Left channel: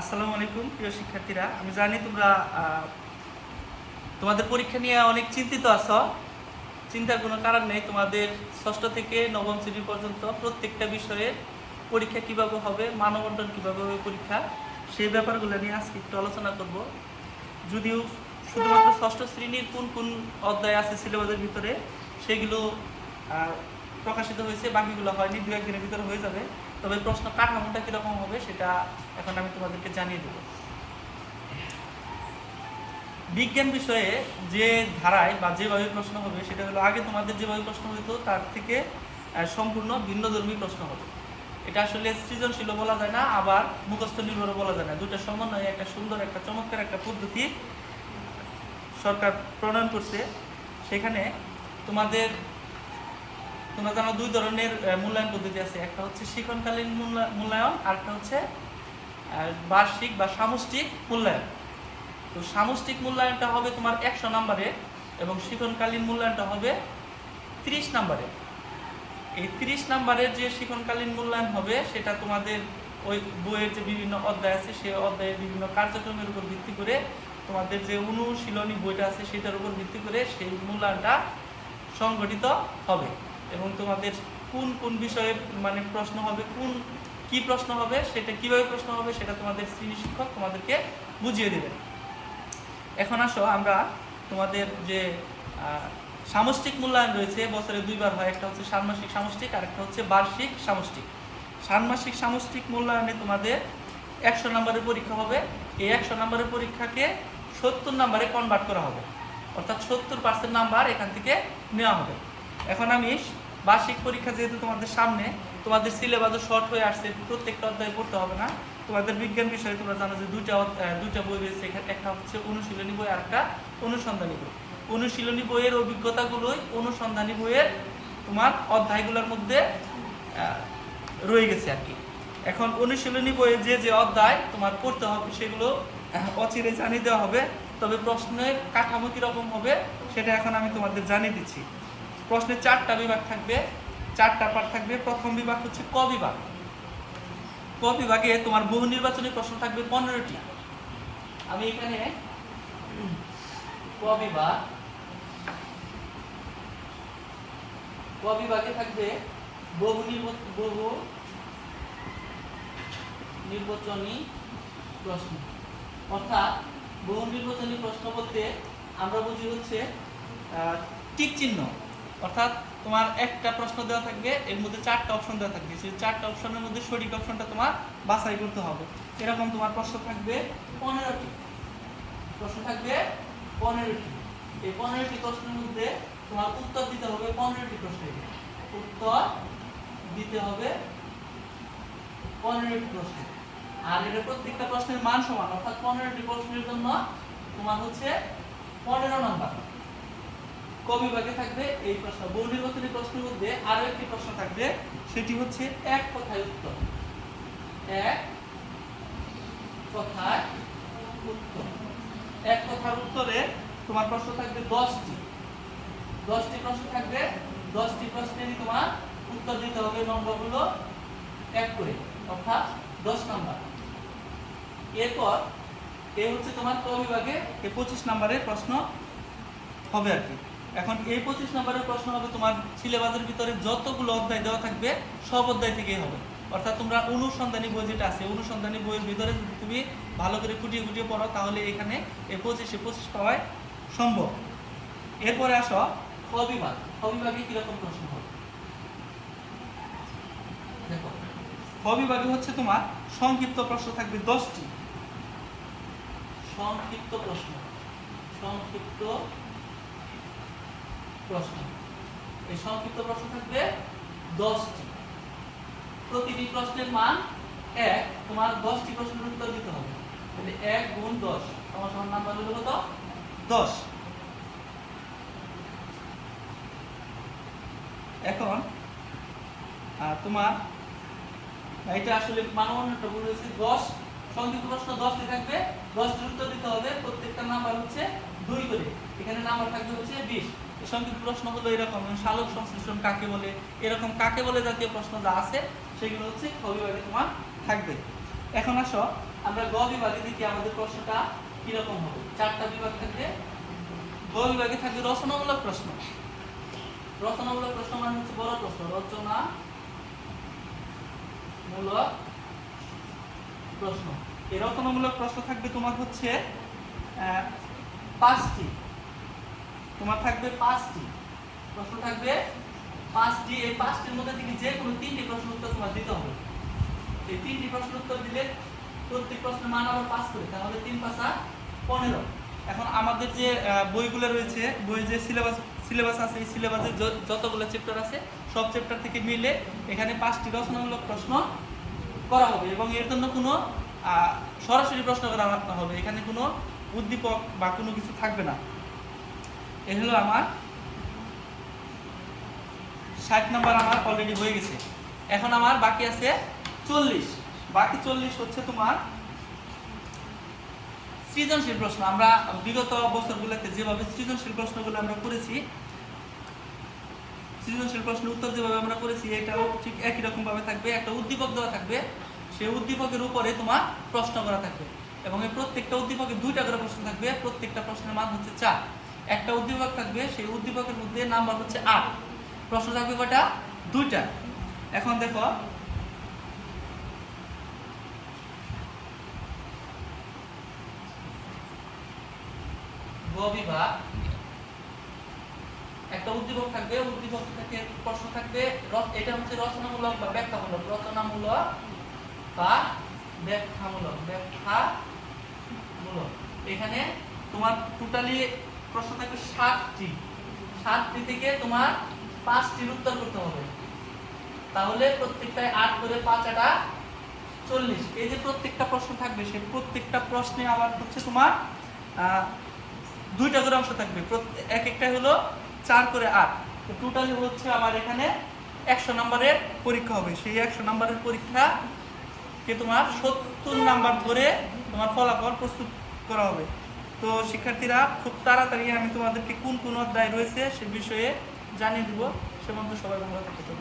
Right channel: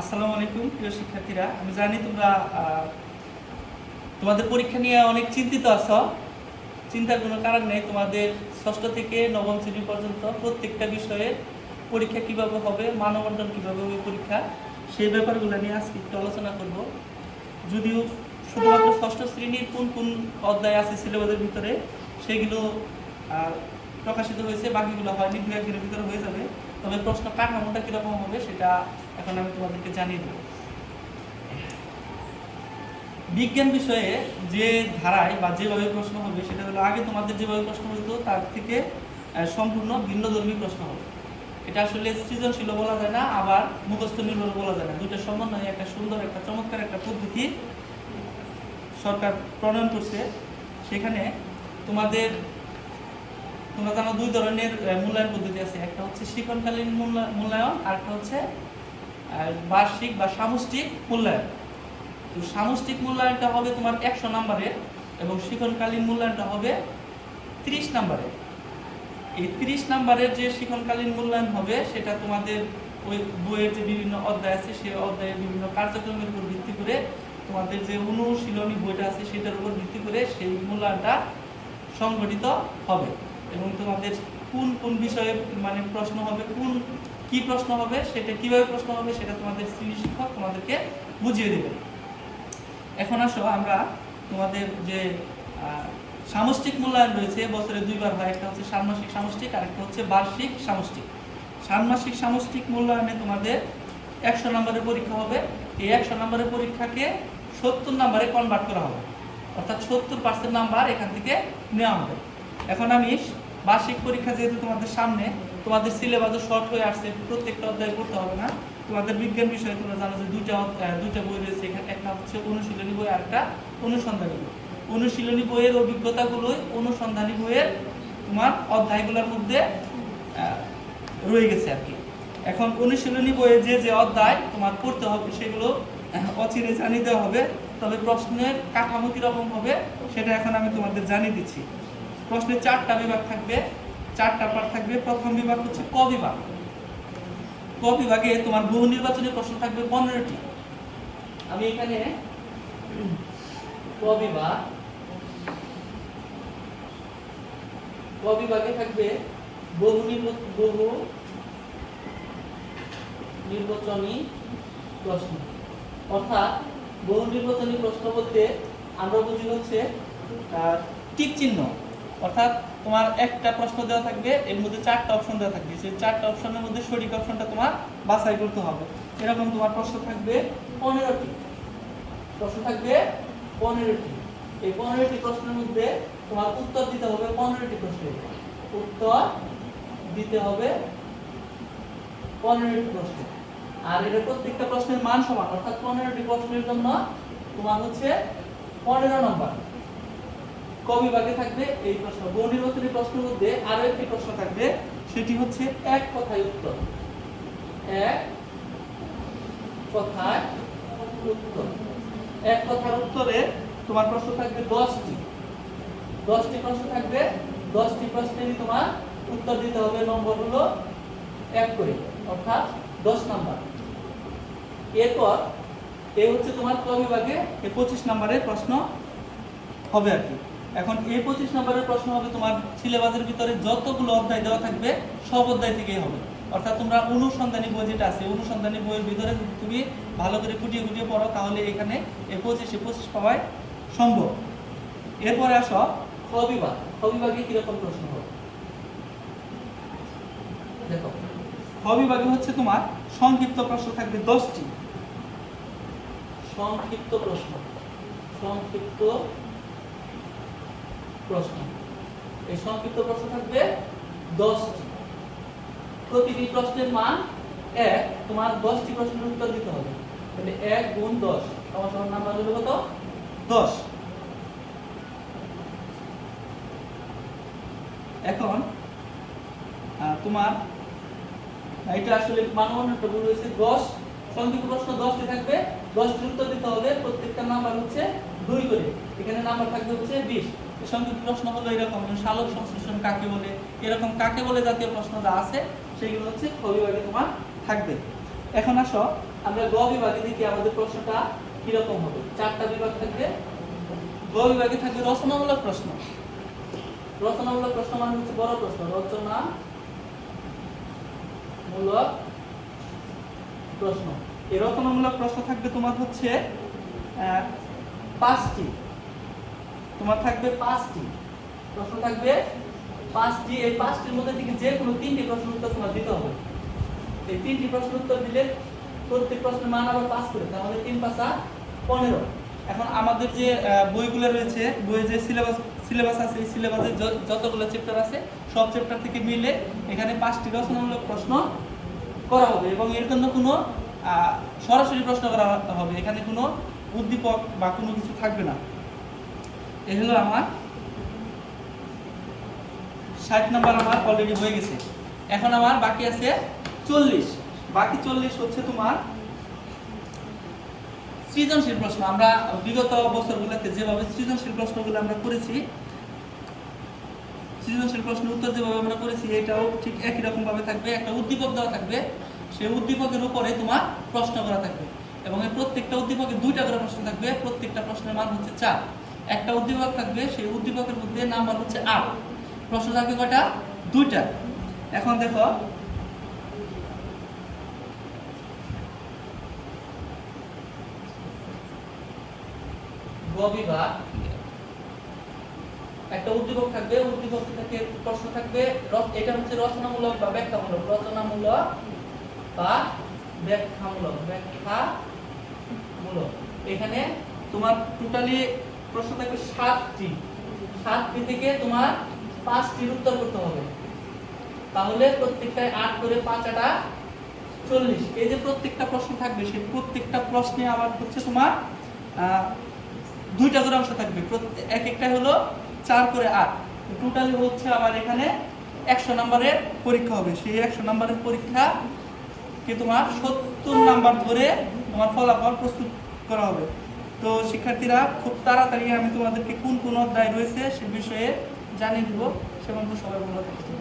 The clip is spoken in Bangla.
আসসালামু আলাইকুম প্রিয় শিক্ষার্থীরা, আমি জানি তোমরা তোমাদের পরীক্ষা নিয়ে অনেক চিন্তিত আছো। চিন্তার কোনো কারণ নেই। তোমাদের ষষ্ঠ থেকে নবম শ্রেণী পর্যন্ত প্রত্যেকটা বিষয়ে পরীক্ষা কিভাবে হবে, মানবন্টন কিভাবে হবে পরীক্ষা, সেই ব্যাপারগুলো নিয়ে আজকে একটু আলোচনা করব। যদিও শুধুমাত্র ষষ্ঠ শ্রেণীর কোন কোন অধ্যায় আছে সিলেবাসের ভিতরে সেগুলো প্রকাশিত হয়েছে, বাকিগুলো হয়নি, দু একদিনের ভিতরে হয়ে যাবে। তবে প্রশ্ন কাঠামোটা কিরকম হবে সেটা এখন আমি তোমাদেরকে জানিয়ে দেব। বিজ্ঞান বিষয়ে যে ধারায় বা যেভাবে প্রশ্ন হবে সেটা হলো, আগে তোমাদের যেভাবে প্রশ্ন হতো তার থেকে সম্পূর্ণ ভিন্নধর্মী প্রশ্ন হবে। এটা আসলে সৃজনশীল বলা যায় না, আবার মুখস্থ নির্ভর বলা যায় না। দুটো সমন্বয়ে একটা সুন্দর, একটা চমৎকার একটা পদ্ধতি সরকার প্রণয়ন করছে। সেখানে তোমরা জানো দুই ধরনের মূল্যায়ন পদ্ধতি আছে। একটা হচ্ছে শিক্ষণকালীন মূল্যায়ন, আর একটা হচ্ছে বার্ষিক বা সামষ্টিক মূল্যায়ন। তো সামষ্টিক মূল্যায়নটা হবে তোমার 100 নম্বরে এবং শিক্ষণকালীন মূল্যায়নটা হবে 30 নম্বরে। এই 30 নম্বরের যে শিক্ষণকালীন মূল্যায়ন হবে সেটা তোমাদের ওই বইয়ের যে বিভিন্ন অধ্যায় আছে সেই অধ্যায়ের বিভিন্ন কার্যক্রমের উপর ভিত্তি করে, তোমাদের যে অনুশীলনী বইটা আছে সেটার উপর ভিত্তি করে সেই মূল্যায়নটা সংগঠিত হবে। এবং তোমাদের কোন কোন বিষয়ে মানে প্রশ্ন হবে, কি প্রশ্ন হবে, সেটা কিভাবে প্রশ্ন হবে সেটা তোমাদের শ্রেণী শিক্ষক তোমাদেরকে বুঝিয়ে দেবে। এখন আসো আমরা তোমাদের যে সামষ্টিক মূল্যায়ন রয়েছে, বছরে দুইবার হয়। একটা হচ্ছে ষান্মাসিক সামষ্টিক, আর একটা হচ্ছে বার্ষিক সামষ্টিক। ষান্মাসিক সামষ্টিক মূল্যায়নে তোমাদের 100 নম্বরের পরীক্ষা হবে। এই 100 নম্বরের পরীক্ষাকে 70 নম্বরে কনভার্ট করা হবে, অর্থাৎ 70% নাম্বার এখান থেকে নেওয়া হবে। এখন আমি বার্ষিক পরীক্ষা যেহেতু তোমাদের সামনে, তোমাদের সিলেবাসও শর্ট হয়ে আসছে, প্রত্যেকটা অধ্যায় পড়তে হবে না। তোমাদের বিজ্ঞান বিষয়ে তোমরা জানো যে দুইটা বই রয়েছে। একটা হচ্ছে অনুশীলনী বই, আর একটা অনুসন্ধানী বই। অনুশীলনী বইয়ের অভিজ্ঞতাগুলোই অনুসন্ধানী বইয়ের তোমার অধ্যায়গুলোর মধ্যে রয়ে গেছে আর কি। এখন অনুশীলনী বইয়ে যে যে অধ্যায় তোমার পড়তে হবে সেগুলো অচিরে জানিয়ে দেওয়া হবে। তবে প্রশ্নের কাঠামো কিরকম হবে সেটা এখন আমি তোমাদের জানিয়ে দিচ্ছি। প্রশ্নে 4টা বিভাগ থাকবে, 4টা পার্ট থাকবে। প্রথম বিভাগ হচ্ছে ক বিভাগ। ক বিভাগে তোমার বহু নির্বাচনী প্রশ্ন থাকবে 15টি। আমি এখানে ক বিভাগে থাকবে বহু নির্বাচনী প্রশ্ন। অর্থাৎ বহু নির্বাচনী প্রশ্ন বলতে আমরা বুঝি হচ্ছে টিক চিহ্ন। অর্থাৎ তোমার একটা প্রশ্ন দেওয়া থাকবে, এর মধ্যে 4টা অপশন দেওয়া থাকবে। সেই 4টা অপশনের মধ্যে সঠিক অপশনটা তোমার বাছাই করতে হবে। এরকম তোমার প্রশ্ন থাকবে 15টি। এই 15টি প্রশ্নের মধ্যে তোমার উত্তর দিতে হবে 15টি প্রশ্নের। আর এটা প্রত্যেকটা প্রশ্নের মান সমান, অর্থাৎ 15টি প্রশ্নের জন্য তোমার হচ্ছে 15 নম্বর। ক বিভাগে থাকবে এই প্রশ্ন। বহু নির্বাচনী প্রশ্নের মধ্যে আরো একটি প্রশ্ন থাকবে, সেটি হচ্ছে এক কথায় উত্তর। এক কথার উত্তরে তোমার প্রশ্ন থাকবে 10টি প্রশ্ন থাকবে। 10টি প্রশ্নেরই তোমার উত্তর দিতে হবে। নম্বর হলো 1 করে, অর্থাৎ 10 নাম্বার। এরপর হচ্ছে তোমার ক বিভাগে 25 নম্বরের প্রশ্ন হবে আর কি। এখন এই 25 নম্বরের প্রশ্ন হবে তোমার সিলেবাসের ভিতরে যতগুলো অধ্যায় দেওয়া থাকবে সব অধ্যায় থেকেই হবে। অর্থাৎ তোমরা অনুসন্ধানী বই যেটা আছে, অনুসন্ধানী বইয়ের ভিতরে যদি তুমি ভালো করে খুঁটিয়ে পড়ো তাহলে এখানে এই 25 পাওয়াই সম্ভব। এরপরে আসো খ বিভাগ। খ বিভাগে কিরকম প্রশ্ন হবে দেখো। খ বিভাগে হচ্ছে তোমার সংক্ষিপ্ত প্রশ্ন থাকবে 10টি। সংক্ষিপ্ত প্রশ্ন। এই সংক্ষিপ্ত প্রশ্ন থাকবে 10টি। প্রতিটি প্রশ্নের মান 1। তোমার 10টি প্রশ্নের উত্তর দিতে হবে। তাহলে 1 গুণ 10 তোমার সমান নাম্বার হলো কত? 10। এখন তোমার এটা আসলে মানবন্টনটা ভুল হয়েছে। 10 সংক্ষিপ্ত প্রশ্ন 10টি থাকবে, 10টির উত্তর দিতে হবে। প্রত্যেকটা নাম্বার হচ্ছে 2 করে। এখানে নাম্বার থাকবে হচ্ছে 20। সংক্ষিপ্ত প্রশ্ন হলো এরকম, সালোক সংশ্লেষণ কাকে বলে, এরকম কাকে বলে জাতীয় প্রশ্ন যা আছে সেগুলো হচ্ছে খ বিভাগে তোমার থাকবে। এখন আসো আমরা গ বিভাগে দেখি আমাদের প্রশ্নটা কিরকম হবে। 4টা বিভাগ থাকবে। গ বিভাগে থাকবে রচনামূলক প্রশ্ন। রচনামূলক প্রশ্ন মানে হচ্ছে বড় প্রশ্ন, রচনামূলক প্রশ্ন। এই রচনামূলক প্রশ্ন থাকবে তোমার হচ্ছে 5টি। তোমার থাকবে 5টি প্রশ্ন থাকবে 5টি। এই 5টির মধ্যে থেকে যে কোনো 3টি প্রশ্ন উত্তর তোমার দিতে হবে। এই 3টি প্রশ্ন উত্তর দিলে প্রত্যেক প্রশ্নের মান আবার 5 করে, তাহলে 3 5 15। এখন আমাদের যে বইগুলো রয়েছে, বইয়ে যে সিলেবাস আছে, এই সিলেবাসে যতগুলো চ্যাপ্টার আছে সব চ্যাপ্টার থেকে মিলে এখানে 5টি রচনামূলক প্রশ্ন করা হবে এবং এর জন্য কোনো সরাসরি প্রশ্ন করা হবে, এখানে কোনো উদ্দীপক বা কোনো কিছু থাকবে না। এই হলো আমার 60 নাম্বার আমার অলরেডি হয়ে গেছে। এখন আমার বাকি আছে 40। বাকি 40 হচ্ছে তোমার সৃজনশীল প্রশ্ন। আমরা বিগত বছরগুলোতে যেভাবে সৃজনশীল প্রশ্নগুলো আমরা করেছি, সৃজনশীল প্রশ্নের উত্তর যেভাবে আমরা করেছি, এটাও ঠিক একই রকম ভাবে থাকবে। একটা উদ্দীপক দেওয়া থাকবে, সেই উদ্দীপকের উপরে তোমার প্রশ্ন করা থাকবে এবং এই প্রত্যেকটা উদ্দীপকে 2টা করে প্রশ্ন থাকবে। প্রত্যেকটা প্রশ্নের মান হচ্ছে 4। একটা উদ্দীপক থাকবে, সেই উদ্দীপকের মধ্যে নাম্বার হচ্ছে 8। প্রশ্ন থাকবে কয়টা? 2টা। এখন দেখো গ বিভাগ, একটা উদ্দীপক থাকবে, উদ্দীপক থেকে প্রশ্ন থাকবে। এটা হচ্ছে রচনামূলক বা ব্যাখ্যামূলক। রচনামূলক বা ব্যাখ্যামূলক। এখানে তোমার টোটালি প্রশ্ন থাকবে 7টি। 7টি থেকে তোমার 5টির উত্তর করতে হবে। তাহলে প্রত্যেকটায় 8 করে 5 8 40। এই যে প্রত্যেকটা প্রশ্ন থাকবে, সেই প্রত্যেকটা প্রশ্নে আবার হচ্ছে তোমার 2টা করে অংশ থাকবে। এক একটা হলো 4 করে 8। তো টোটালি হচ্ছে আবার এখানে 100 নম্বরের পরীক্ষা হবে। সেই 100 নম্বরের পরীক্ষাকে তোমার 70 নাম্বার ধরে তোমার ফলাফল প্রস্তুত করা হবে। তো শিক্ষার্থীরা, খুব তাড়াতাড়ি আমি তোমাদেরকে কোন কোন অধ্যায় রয়েছে সে বিষয়ে জানিয়ে দিব। সে পর্যন্ত সবাই ভালো থাকবে।